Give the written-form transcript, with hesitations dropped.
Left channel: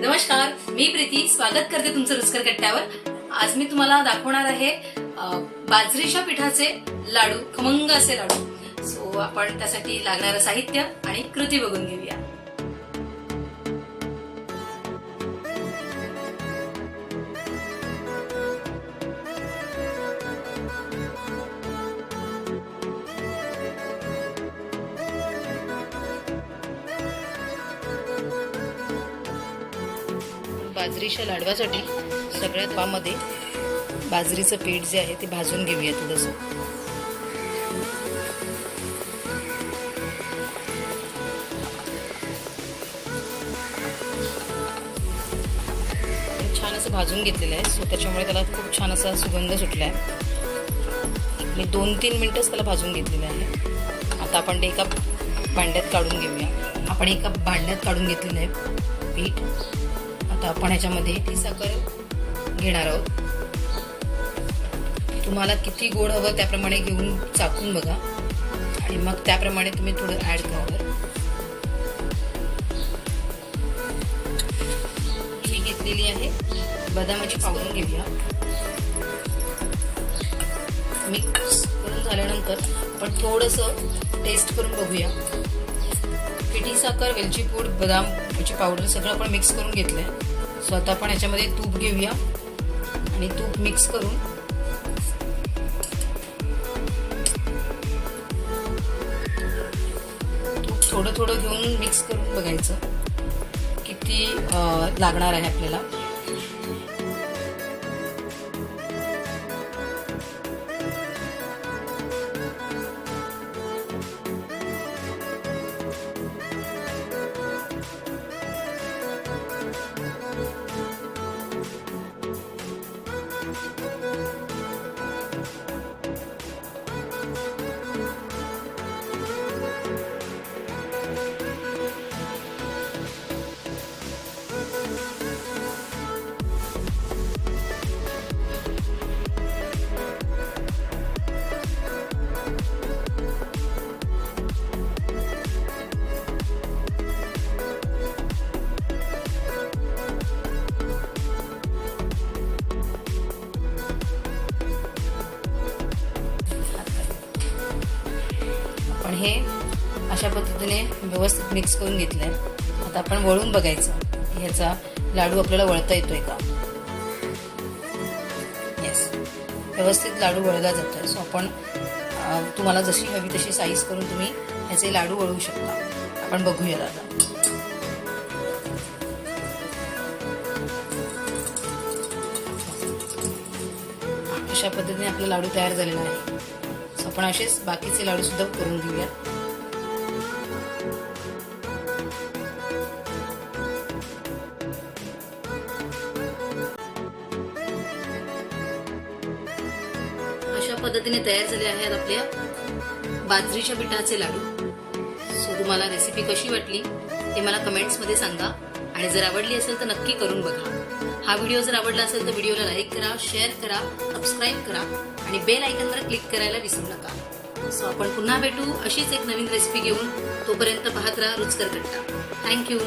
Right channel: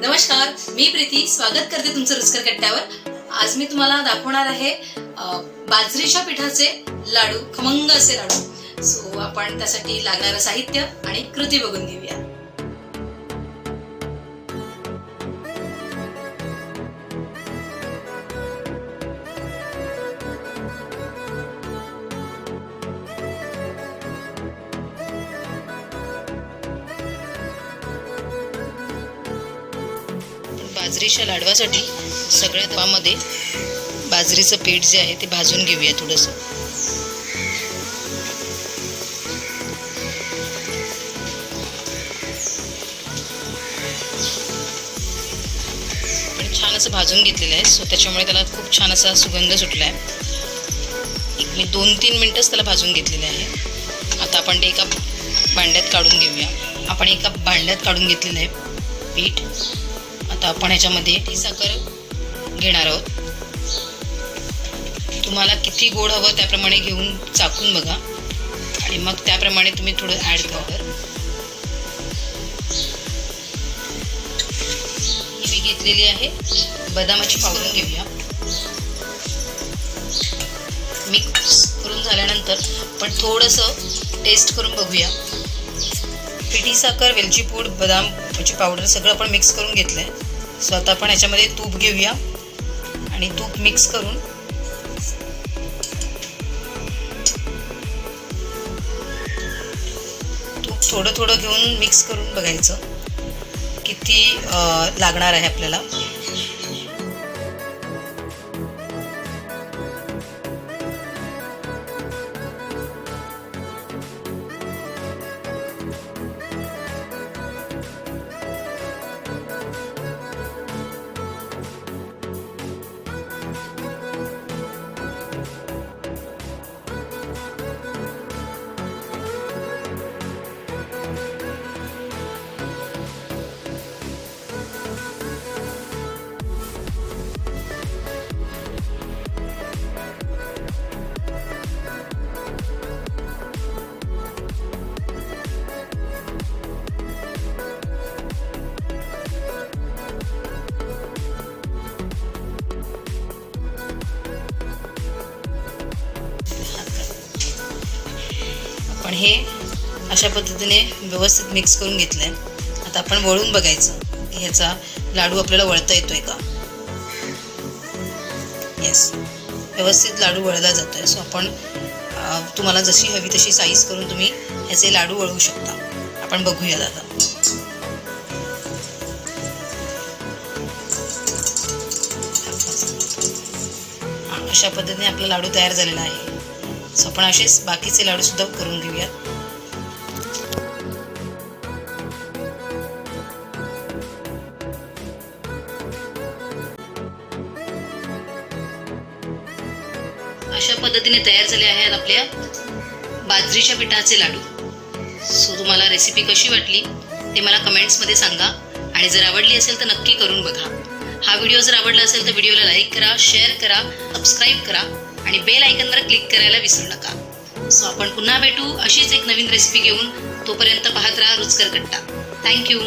नमस्कार, मी प्रीती स्वागत करते तुमचं रुचकर कट्ट्यावर। आज मी तुम्हाला दाखवणार आहे बाजरीच्या पिठाचे लाडू, खमंग असे लाडू। सो आपण त्यासाठी लागणारं साहित्य आणि कृती बघून घेऊया। बाजरीच्या लाडवासाठी सगळ्यात पामध्ये बाजरीचं पीठ जे आहे ते भाजून घेऊया थोडंसं। पण छान असं भाजून घेतलेलं आहे, सो त्याच्यामुळे त्याला खूप छान असा सुगंध सुटला आहे। मी 2-3 मिनिटच त्याला भाजून घेतलेलं आहे। आता आपण ते एका भांड्यात काढून घेऊया। आपण एका भांड्यात काढून घेतलेलं आहे पीठ। आता आपण ह्याच्यामध्ये ती साखर घेणार आहोत। तुम्हाला किती गोड हवं त्याप्रमाणे घेऊन चाखून बघा आणि मग त्याप्रमाणे तुम्ही थोडं ॲड करा। ही मी घेतलेली आहे बदामाची पावडर घेऊया। मिक्स करून झाल्यानंतर आपण थोडंसं टेस्ट करून बघूया। पिठी साखर, वेलची पूड, बदामाची पावडर सगळं आपण मिक्स करून घेतलं आहे। सो आता आपण ह्याच्यामध्ये तूप घेऊया आणि तूप मिक्स करून तूप थोडं थोडं घेऊन मिक्स करून बघायचं किती लागणार आहे आपल्याला। आपण हे अशा पद्धतीने व्यवस्थित मिक्स करून घेतलं आहे। आता आपण वळून बघायचं की ह्याचा लाडू आपल्याला वळता येतोय का। येस, व्यवस्थित लाडू वळला जातोय। सो आपण तुम्हाला जशी हवी तशी साईज करून तुम्ही ह्याचे लाडू वळवू शकता। आपण बघूया आता। अशा पद्धतीने आपला लाडू तयार झालेला आहे। सो आपण असेच बाकीचे लाडू सुद्धा करून घेऊयात। अशा पद्धतीने तयार झाले आहेत आपल्या बाजरीच्या पिठाचे लाडू। सो तुम्हाला रेसिपी कशी वाटली ते मला कमेंट्समध्ये सांगा आणि जर आवडली असेल तर नक्की करून बघा। हा व्हिडिओ जर आवडला असेल तर व्हिडिओला लाईक करा, शेअर करा, सबस्क्राईब करा आणि बेल आयकॉनवर क्लिक करायला विसरू नका। सो आपण पुन्हा भेटू अशीच एक नवीन रेसिपी घेऊन। तोपर्यंत पाहत राहा रुचकर कट्टा। थँक्यू।